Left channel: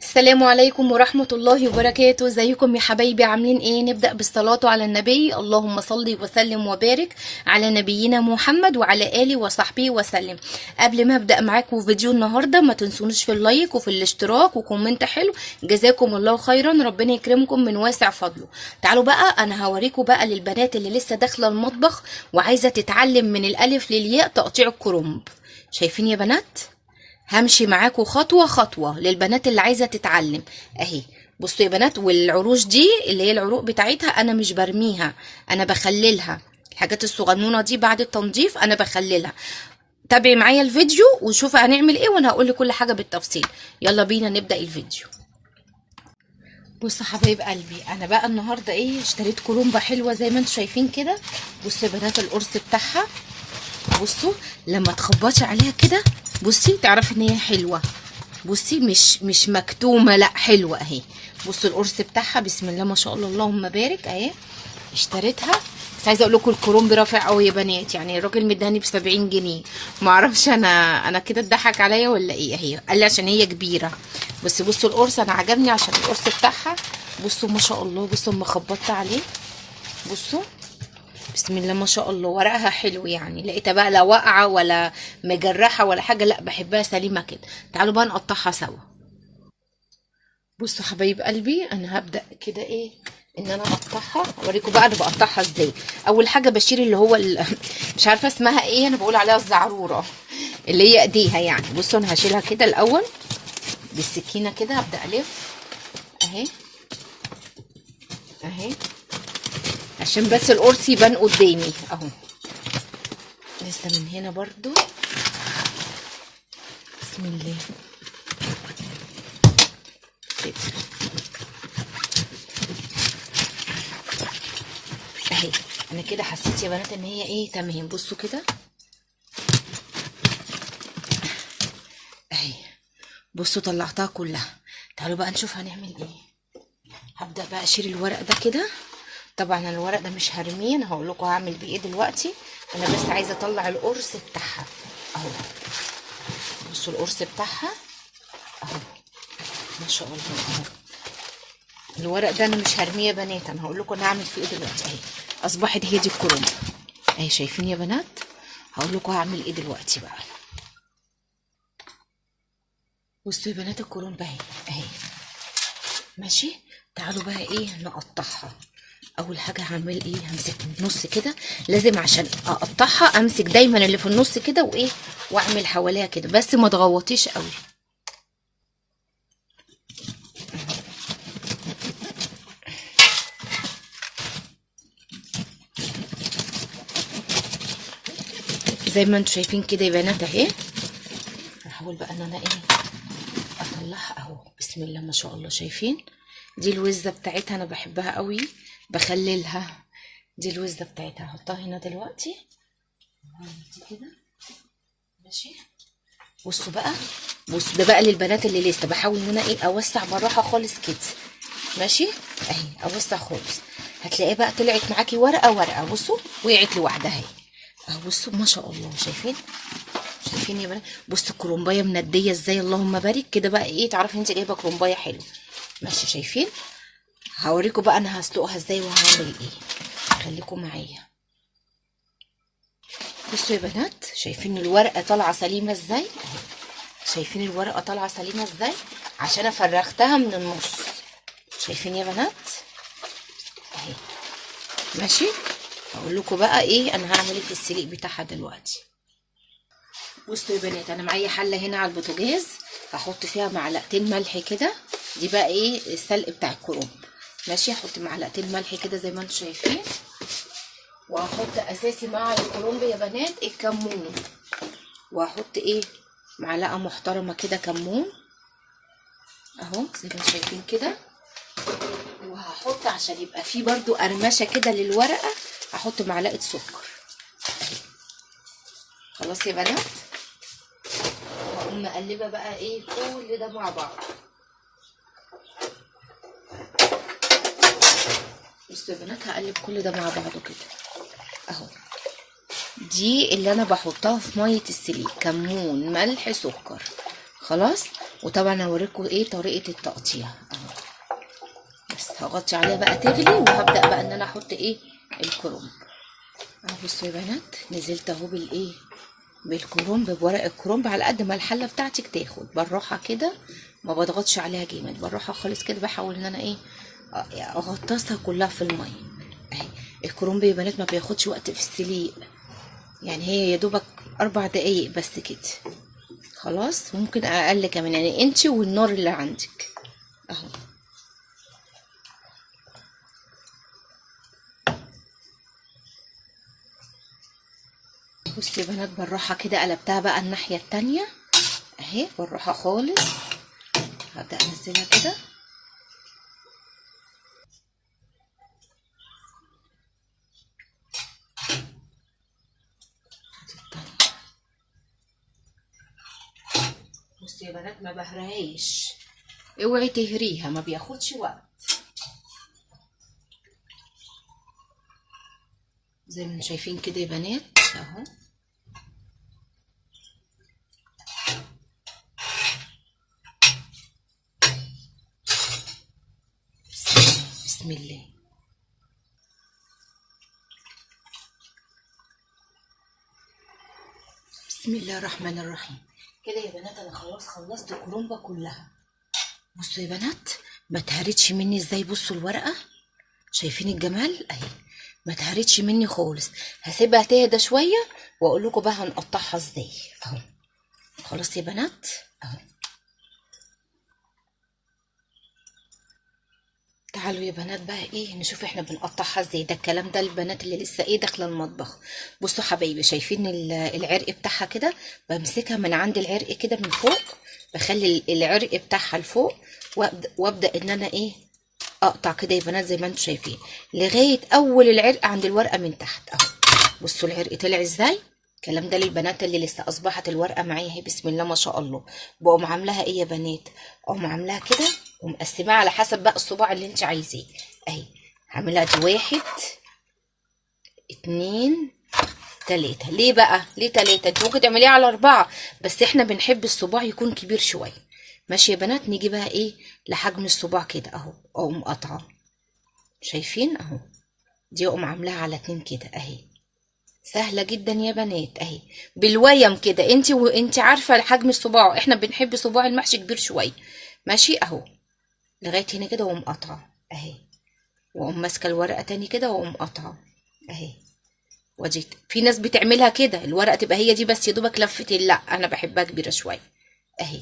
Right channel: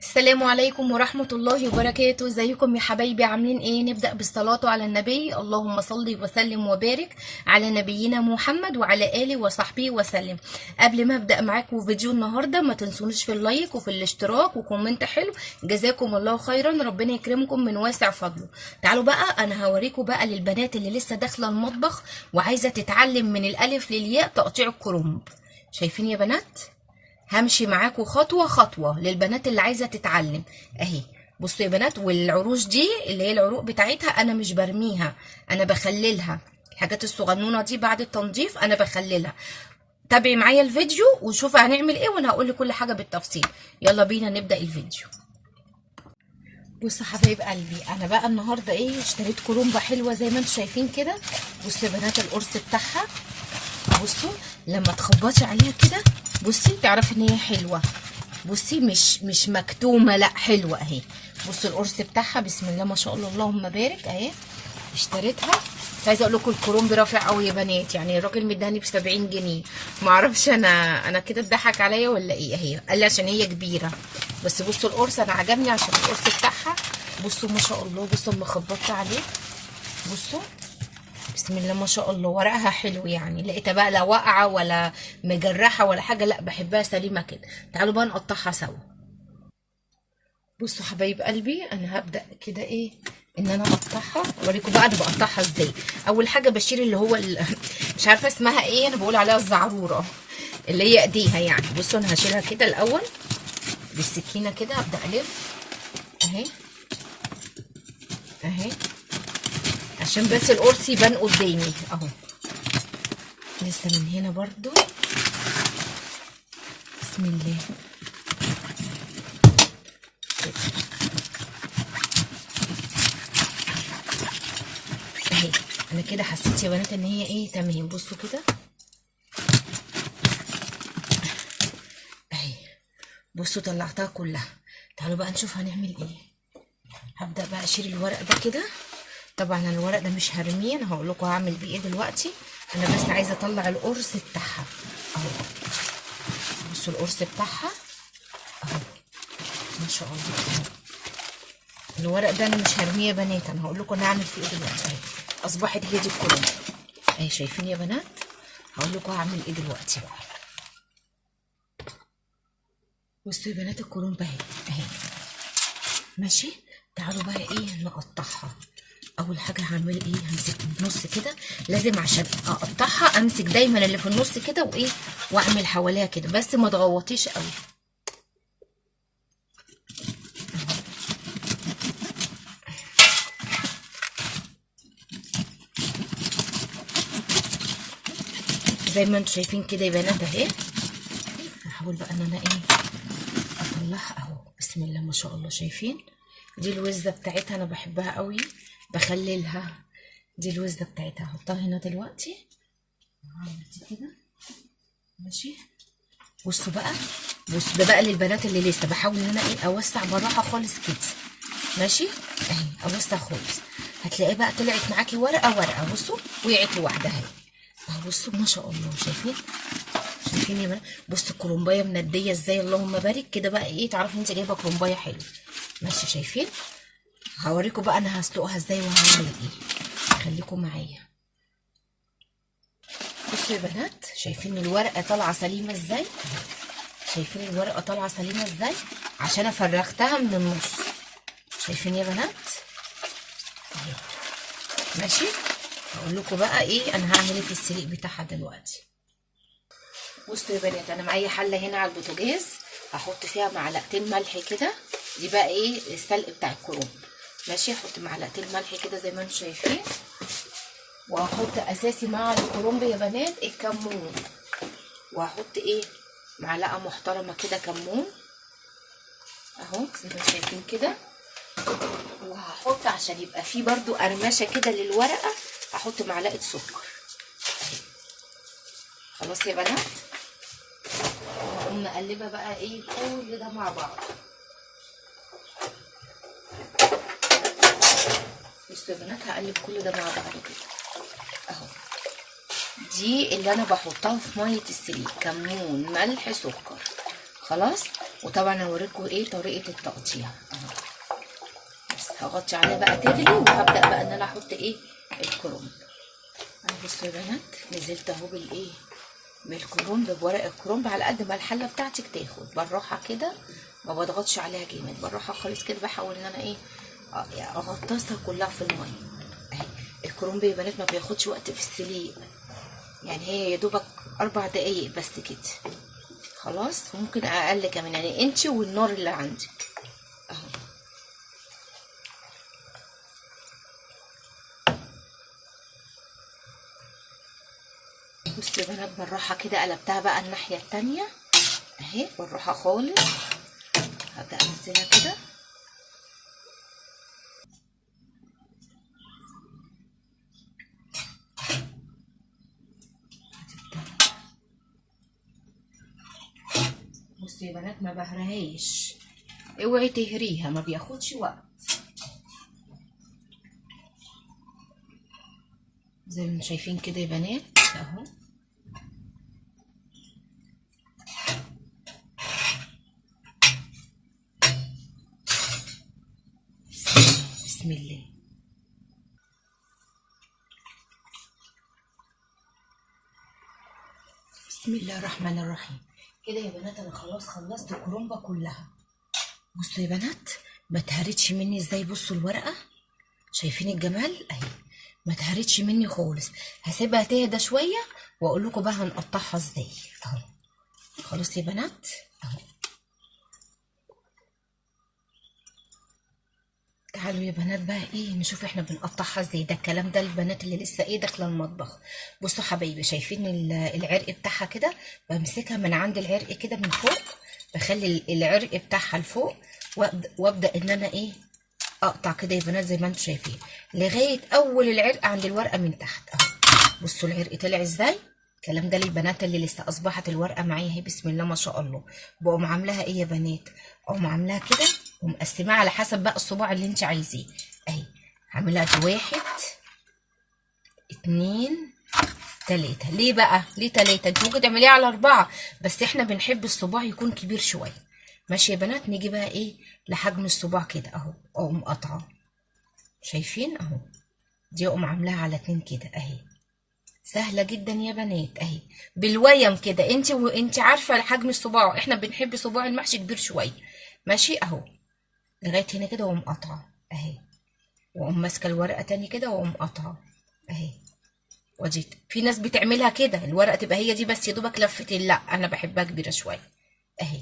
السلام عليكم ورحمة الله وبركاته. ازيكم يا حبايبي؟ عاملين ايه؟ نبدأ بالصلاة على النبي. اللهم صل وسلم وبارك على نبينا محمد وعلى آله وصحبه وسلم. قبل ما ابدأ معاكم فيديو النهاردة ما تنسونيش في اللايك وفي الاشتراك وكومنت حلو. جزاكم الله خيرا، ربنا يكرمكم من واسع فضله. تعالوا بقى انا هوريكم بقى للبنات اللي لسه داخلة المطبخ وعايزة تتعلم من الالف للياء تقطيع الكرنب. شايفين يا بنات؟ همشي معاكم خطوة خطوة للبنات اللي عايزة تتعلم اهي. بصوا يا بنات، والعروش دي اللي هي العروق بتاعتها انا مش برميها، انا بخللها. الحاجات الصغنونة دي بعد التنظيف انا بخللها. تابعي معايا الفيديو وشوفي هنعمل ايه وانا هقول لك كل حاجة بالتفصيل. يلا بينا نبدأ الفيديو. بصوا حبايب قلبي، انا بقى النهارده ايه، اشتريت كرومبه حلوه زي ما انتم شايفين كده. بصوا يا بنات القرص بتاعها، بصوا لما تخبطي عليها كده بصي تعرفي ان هي حلوه. بصي مش مكتومه، لا حلوه اهي. بصوا القرص بتاعها بسم الله ما شاء الله اللهم بارك اهي. اشتريتها، بس عايزه اقول لكم الكرومب رافع قوي يا بنات، يعني الراجل مداني ب 70 جنيه. ما اعرفش انا كده اتضحك عليا ولا ايه. اهي قال لي عشان هي كبيره. بس بصوا القرص انا عجبني عشان القرص بتاعها. بصوا ما شاء الله، بصوا اما خبطت عليه بصوا بسم الله ما شاء الله ورقها حلو، يعني لقيتها بقى لا واقعه ولا مجرحه ولا حاجه، لا بحبها سليمه كده. تعالوا بقى نقطعها سوا. بصوا حبايب قلبي انا هبدا كده ايه، ان انا اقطعها. اوريكم بقى انا بقطعها ازاي. اول حاجه بشيل اللي هو مش عارفه اسمها ايه، انا بقول عليها الزعروره اللي هي ايديها يعني. بصوا انا هشيلها كده الاول بالسكينه كده، هبدا الف اهي اهي عشان بس القرص يبان قدامي اهو. لسه من هنا برضو بسم الله كده اهي. انا كده حسيت يا بنات ان هي ايه تمام. بصوا كده اهي، بصوا طلعتها كلها. تعالوا بقى نشوف هنعمل ايه. هبدا بقى اشيل الورق ده كده. طبعا انا الورق ده مش هرميه، انا هقول لكم هعمل بيه ايه دلوقتي. انا بس عايزه اطلع القرص بتاعها اهو. بصوا القرص بتاعها اهو ما شاء الله اهو. الورق ده انا مش هرميه يا بنات، انا هقول لكم انا هعمل فيه ايه دلوقتي اهي. اصبحت هي دي الكرومب اهي، شايفين يا بنات؟ هقول لكم هعمل ايه دلوقتي بقى. بصوا يا بنات الكرومب اهي اهي ماشي. تعالوا بقى ايه نقطعها. اول حاجه هعمل ايه، همسك من النص كده. لازم عشان اقطعها امسك دايما اللي في النص كده وايه، واعمل حواليها كده بس ما تغوطيش قوي. زي ما انتم شايفين كده يا بنات اهي. هحاول بقى ان انا ايه اطلعها اهو. بسم الله ما شاء الله. شايفين دي الوزه بتاعتها، انا بحبها قوي بخللها. دي الوزه بتاعتها هحطها هنا دلوقتي. هعمل دي كده ماشي. بصوا بقى، بص ده بقى للبنات اللي لسه بحاول ان انا ايه اوسع بالراحه خالص كده ماشي اهي. اوسع خالص هتلاقيه بقى طلعت معاكي ورقه ورقه. بصوا وقعت لوحدها اهي اهو. بصوا ما شاء الله شايفين؟ شايفين يا بنات؟ بصوا الكرومبايه منديه ازاي اللهم بارك كده. بقى ايه تعرفي انت جايبه كرومبايه حلوه ماشي. شايفين؟ هوريكم بقى انا هسلقها ازاي وهعمل ايه. خليكم معايا. بصوا يا بنات شايفين الورقه طالعه سليمه ازاي؟ شايفين الورقه طالعه سليمه ازاي؟ عشان انا فرغتها من النص. شايفين يا بنات اهي ماشي. هقول لكم بقى ايه انا هعمل ايه في السليق بتاعها دلوقتي. بصوا يا بنات انا معايا حله هنا على البوتاجاز، هحط فيها معلقتين ملح كده. دي بقى ايه السلق بتاع الكرنب ماشي. هحط معلقتين ملح كده زي ما انتم شايفين. وهحط اساسي مع الكرنب يا بنات الكمون. وهحط ايه معلقه محترمه كده كمون اهو زي ما انتم شايفين كده. وهحط عشان يبقى فيه برضو قرمشه كده للورقه، هحط معلقه سكر اهي. خلاص يا بنات. وهقوم مقلبه بقى ايه كل ده مع بعض. بصوا يا بنات هقلب كل ده مع بعضه كده اهو. دي اللي انا بحطها في ميه السليق، كمون ملح سكر. خلاص وطبعا هوريكم ايه طريقه التقطيع اهو. بس هغطي عليها بقى تغلي، وهبدا بقى ان انا احط ايه الكرنب اهو. بصوا يا بنات، نزلت اهو بالايه بالكرنب، بورق الكرنب على قد ما الحله بتاعتك تاخد، بالراحه كده، ما بضغطش عليها جامد، بالراحه خالص كده، بحاول ان انا ايه اغطسها كلها في الميه اهي. الكرنب يا بنات ما بياخدش وقت في السليق، يعني هي يا دوبك 4 دقايق بس كده، خلاص ممكن اقل كمان، يعني انتي والنار اللي عندك اهو. بصي يا بنات بالراحه كده، قلبتها بقى الناحيه التانية اهي، بالراحه خالص، هبدا انزلها كده. بصي يا بنات ما بهرهاش، اوعي تهريها، ما بياخدش وقت، زي ما شايفين كده يا بنات اهو. بسم الله. بسم الله الرحمن الرحيم. كده يا بنات انا خلاص خلصت الكرومبه كلها. بصوا يا بنات ما اتهرتش مني ازاي، بصوا الورقه، شايفين الجمال اهي، ما اتهرتش مني خالص. هسيبها تهدى شويه واقول لكم بقى هنقطعها ازاي اهو. خلاص يا بنات اهو. تعالوا يا بنات بقى ايه نشوف احنا بنقطعها ازاي، ده الكلام ده البنات اللي لسه ايه داخله المطبخ. بصوا حبايبي، شايفين العرق بتاعها كده، بمسكها من عند العرق كده من فوق، بخلي العرق بتاعها لفوق، وابدا ان انا ايه اقطع كده يا بنات زي ما انتم شايفين، لغايه اول العرق عند الورقه من تحت اهو. بصوا العرق طلع ازاي. الكلام ده للبنات اللي لسه اصبحت الورقه معايا اهي، بسم الله ما شاء الله. بقوم عاملاها ايه يا بنات، اقوم عاملاها كده ومقسماها على حسب بقى الصباع اللي انت عايزاه اهي. هعملها دي 1 2 3. ليه بقى ليه 3؟ انت ممكن تعمليها على 4، بس احنا بنحب الصباع يكون كبير شويه. ماشي يا بنات، نيجي بقى ايه لحجم الصباع كده اهو، اقوم قاطعه، شايفين اهو. دي اقوم عاملاها على 2 كده اهي. سهله جدا يا بنات اهي، بالويم كده، انت عارفه حجم الصباع، احنا بنحب صباع المحشي كبير شويه. ماشي اهو، لغايه هنا كده واقوم قاطعه اهي، واقوم ماسكه الورقه تاني كده واقوم قاطعه اهي. ودي في ناس بتعملها كده الورقه تبقى هي دي بس يا دوبك لفتين، لا انا بحبها كبيره شويه اهي.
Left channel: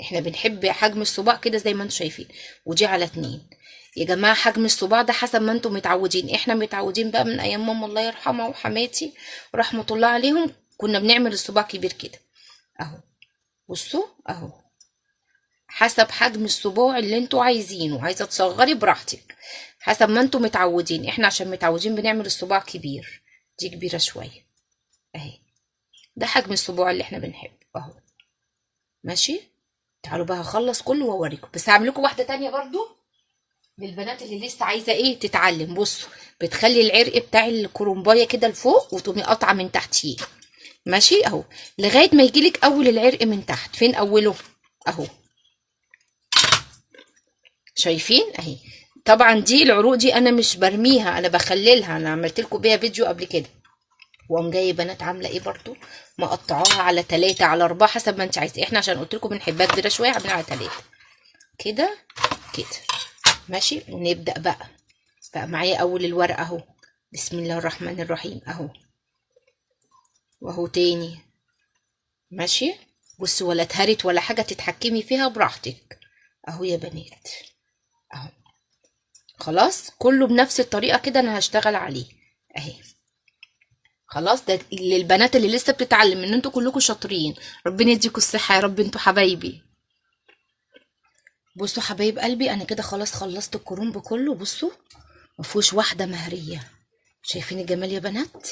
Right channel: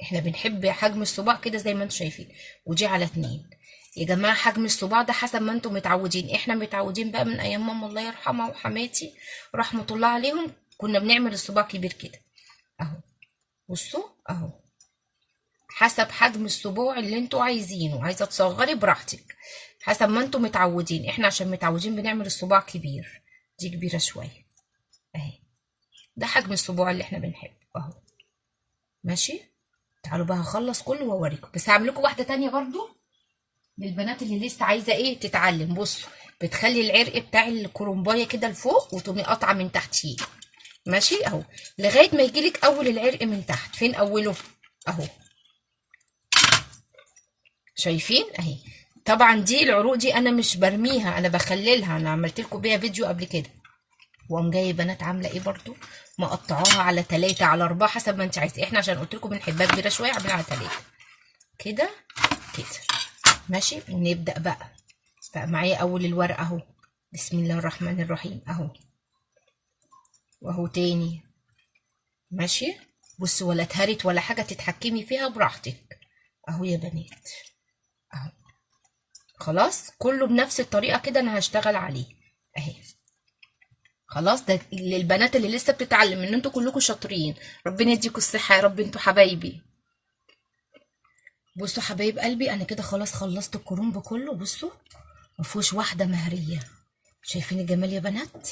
احنا بنحب حجم الصباع كده زي ما انتم شايفين. ودي على 2 يا جماعه، حجم الصباع ده حسب ما انتم متعودين، احنا متعودين بقى من ايام ماما الله يرحمها وحماتي رحمه الله عليهم، كنا بنعمل الصباع كبير كده اهو. بصوا اهو، حسب حجم الصباع اللي انتوا عايزينه، عايزه تصغري براحتك حسب ما انتوا متعودين، احنا عشان متعودين بنعمل الصباع كبير، دي كبيره شويه اهي. ده حجم الصباع اللي احنا بنحبه اهو. ماشي، تعالوا بقى هخلص كله واوريكم، بس هعمل لكم واحده تانية برضو للبنات اللي لسه عايزه ايه تتعلم. بصوا بتخلي العرق بتاع الكرومبايه كده لفوق وتقومي قاطعه من تحتيه، ماشي اهو، لغايه ما يجيلك اول العرق من تحت. فين اوله اهو، شايفين اهي. طبعا دي العروق دي انا مش برميها، انا بخللها، انا عملت لكم بيها فيديو قبل كده. واقوم جايه بنات عامله ايه برضو، مقطعاها على 3 على 4 حسب ما انت عايزه، احنا عشان قلت لكم بنحبها كبيره شويه عاملينها على 3 كده كده. ماشي، ونبدا بقى معايا اول الورقه اهو، بسم الله الرحمن الرحيم اهو، واهو تاني. ماشي، بصوا ولا اتهرت ولا حاجه، تتحكمي فيها براحتك اهو يا بنات اهو. خلاص كله بنفس الطريقه كده انا هشتغل عليه اهي. خلاص ده للبنات اللي لسه بتتعلم، ان انتوا كلكم شاطرين، ربنا يديكم الصحه يا رب، انتوا حبايبي. بصوا حبايب قلبي، انا كده خلاص خلصت الكرنب كله، بصوا مفيهوش واحده مهريه، شايفين الجمال يا بنات.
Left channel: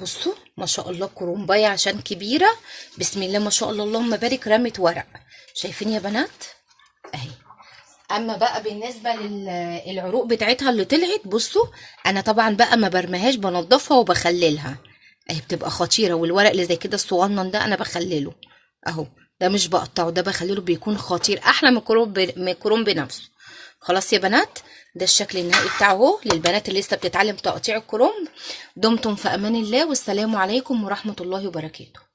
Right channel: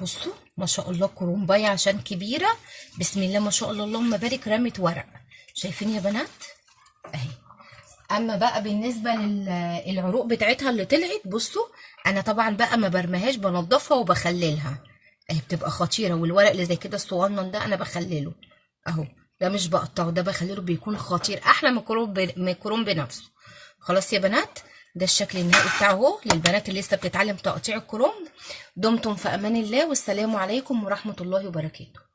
بصوا ما شاء الله كرنبايه عشان كبيره، بسم الله ما شاء الله اللهم بارك، رمت ورق، شايفين يا بنات اهي. اما بقى بالنسبه للعروق بتاعتها اللي طلعت، بصوا انا طبعا بقى ما برميهاش، بنضفها وبخللها اهي، بتبقى خطيره، والورق اللي زي كده الصغنن ده انا بخلله اهو. ده مش بقطعه، ده بخليه بيكون خطير احلى من الكرنب بنفسه. خلاص يا بنات، ده الشكل النهائي بتاعه اهو للبنات اللي لسه بتتعلم تقطيع الكرنب. دمتم في امان الله، والسلام عليكم ورحمة الله وبركاته.